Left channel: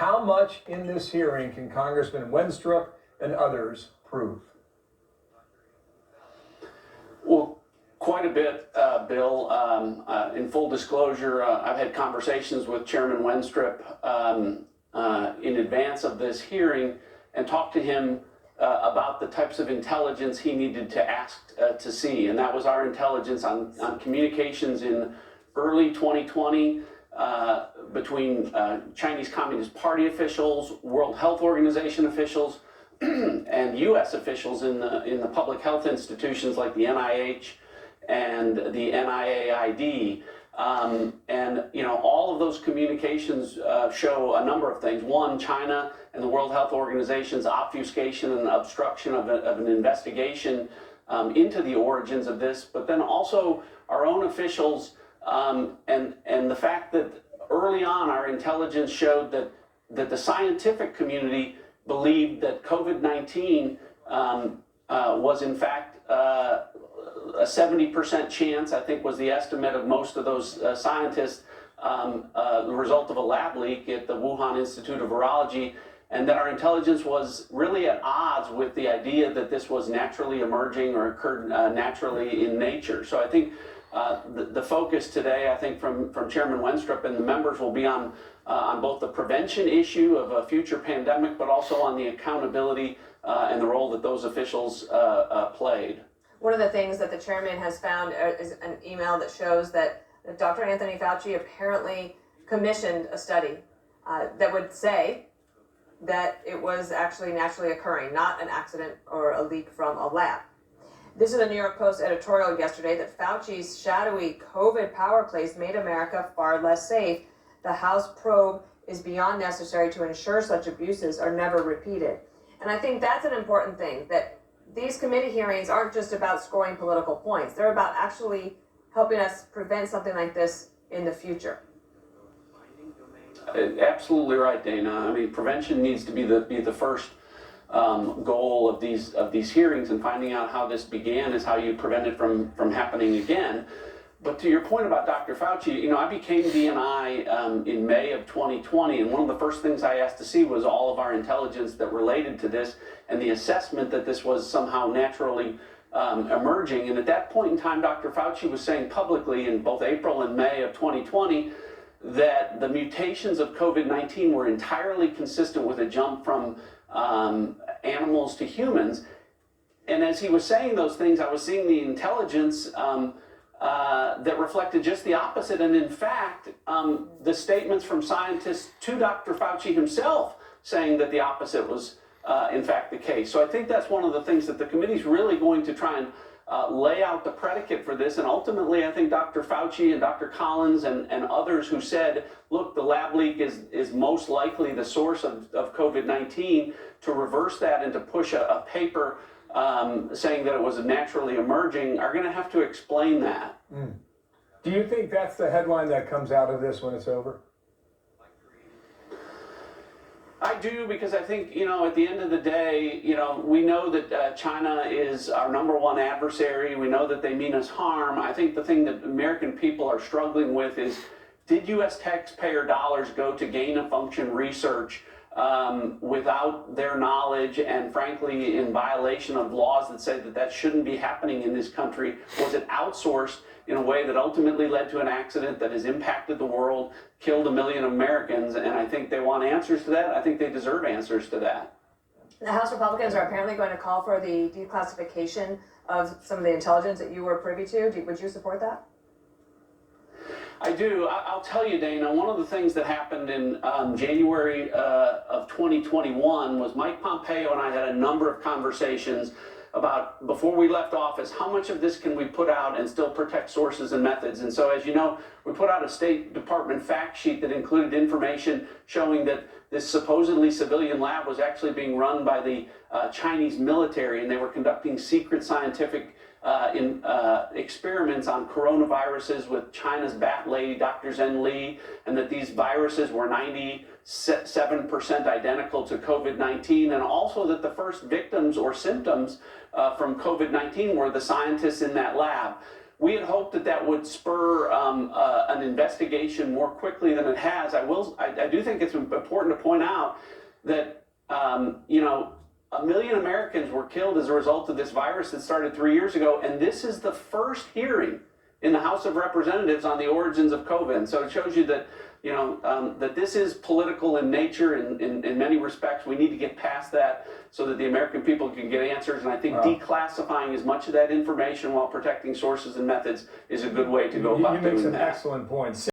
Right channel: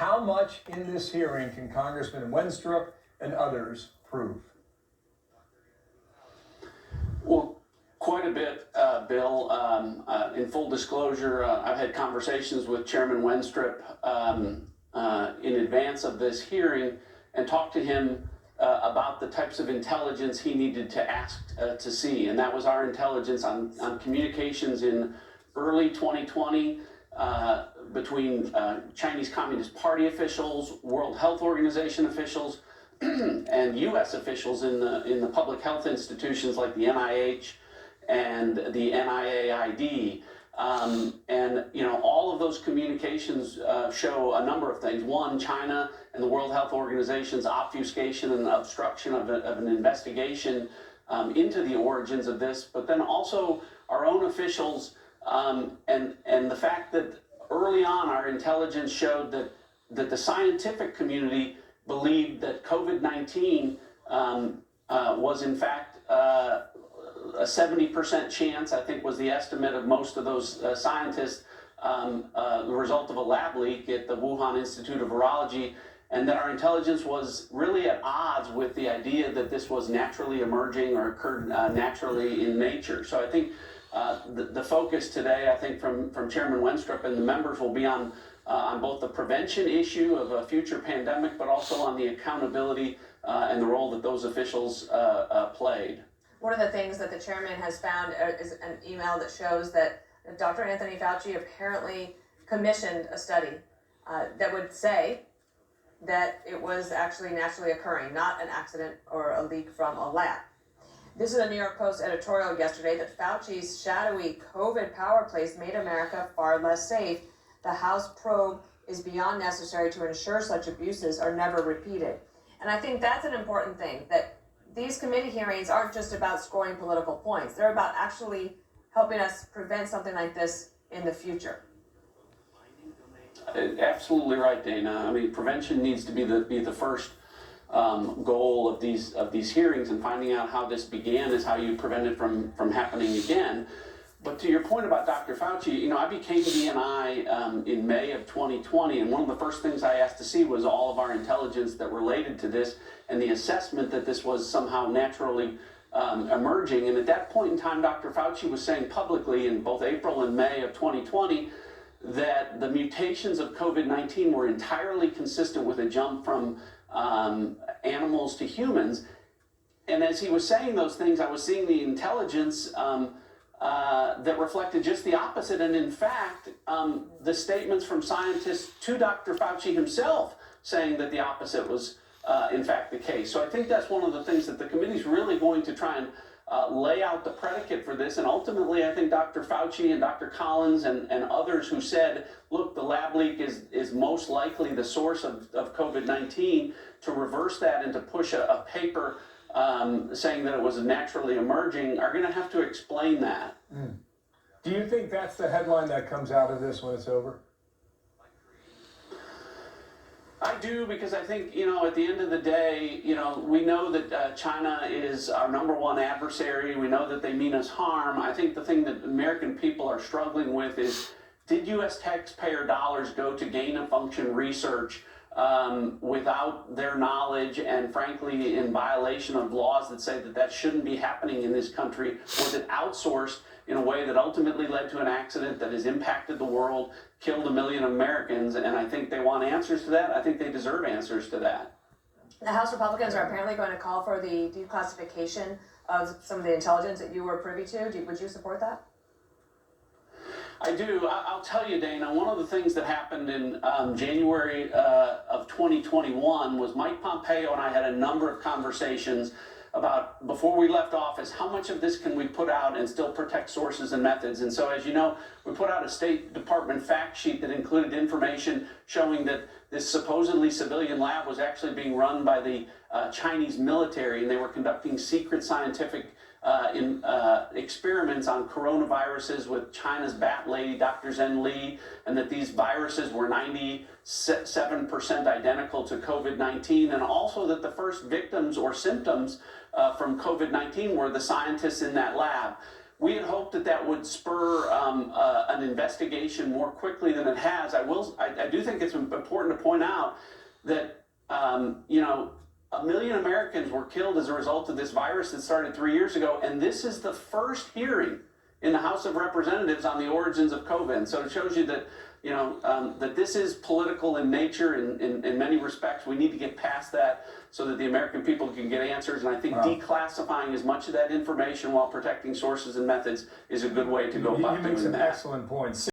How much in this hearing can Congressman Wenstrup and others prove? Well, quite a bit, Bill. In full disclosure, I've had conversations with Chairman Wenstrup in advance of this hearing and talked to him about the types of intelligence he needed to ask to see. And that was our intelligence on communications in early 2020 between Chinese Communist Party officials, World Health Organization officials, and U.S. officials in the public health institutions like the NIH and the NIAID. And all of those communications show a number of things. One, China and the World Health Organization's obfuscation and obstruction of an investigation into the origins of this, but then also our own officials and the fact that early on our intelligence showed that the scientific community believed that COVID-19 was in fact a 70% chance, I think was the estimate of most of those scientists, the result of a lab leak at the Wuhan Institute of Virology, and that our intelligence was really at odds with the idea that this was naturally emerging or occurred naturally in nature. So I think the focus today, I think from Chairman Wenstrup and the members, will be on both the prevention issue of a future pandemic, but also on the accountability and the role that those officials played. One of the things that the chairman has found is an email that shows that Dr. Anthony Fauci apparently commissioned a study that would say that it was actually naturally occurring, not an accident or a leak from a lab. This is a New York Post editorial yesterday that Fauci's shadowy COVID power plays made America far less safe. The House probe is beyond necessary to ensure such abuses are never repeated. And I think that's an important thing, that these committee hearings aren't just about scoring political points. They're about actually helping us prevent something like this in the future. Absolutely right, Dana. I mean, prevention needs to be the first goal of these hearings, and finding out how this began is how you prevent it from happening again. But to your point about Dr. Fauci, I became DNI in May of 2020, and one of the first things I asked to see was all of our intelligence that related to this and the assessment that this was somehow naturally emerging. And at that point in time, Dr. Fauci was saying publicly in both April and May of 2020 that the mutations of COVID-19 were entirely consistent with a jump from animals to humans. And as he was saying those things, I was seeing the intelligence that reflected just the opposite. And in fact, the statements from scientists to Dr. Fauci himself saying that the opposite was in fact the case. So I think that's one of the things that the committee's really going to try and lay out the predicate for this. And ultimately, I think Dr. Fauci and Dr. Collins and others who said, look, the lab leak is most likely the source of COVID-19, to reverse that and to push a paper saying that it was naturally emerging, are going to have to explain that. Do you think that's the headline that comes out of this when it's over? I do, because I think, at the end of the day, we know that China is our number one adversary. We know that they mean us harm. I think the thing that American people are struggling with is, did U.S. taxpayer dollars go to gain-of-function research without their knowledge, and frankly in violation of laws that say that shouldn't be happening in this country? Was it outsourced in a way that ultimately led to an accident that has impacted the world, killed 1 million Americans? And I think they want answers to that. I think they deserve answers to that. The House Republicans are apparently going to call for the declassification of some of the intelligence that you were privy to. Would you support that? I do. I'll tell you, Dana, one of the things that happened in January of 2021 was Mike Pompeo and I had a number of conversations about, before we left office, how much of this can we put out and still protect sources and methods. And so, as you know, we put out a State Department fact sheet that included information showing that this supposedly civilian lab was actually being run by the Chinese military, and they were conducting secret scientific experiments on coronaviruses with China's bat lady, Dr. Zhen Li, and that these viruses were 97% identical to COVID-19, and also that the first victims or symptoms from COVID-19 were the scientists in that lab. we had hoped that that would spur an investigation more quickly than it has. I do think it's important to point out that, you know, 1 million Americans were killed as a result of this virus that started 3 years ago, and this is the first hearing in the House of Representatives on the origins of COVID. And so it shows you that, you know, that this is political in nature in many respects. We need to get past that so that the American people can get answers. And I think declassifying as much of that information while protecting sources and methods is a good way to go about You make doing some that. excellent points.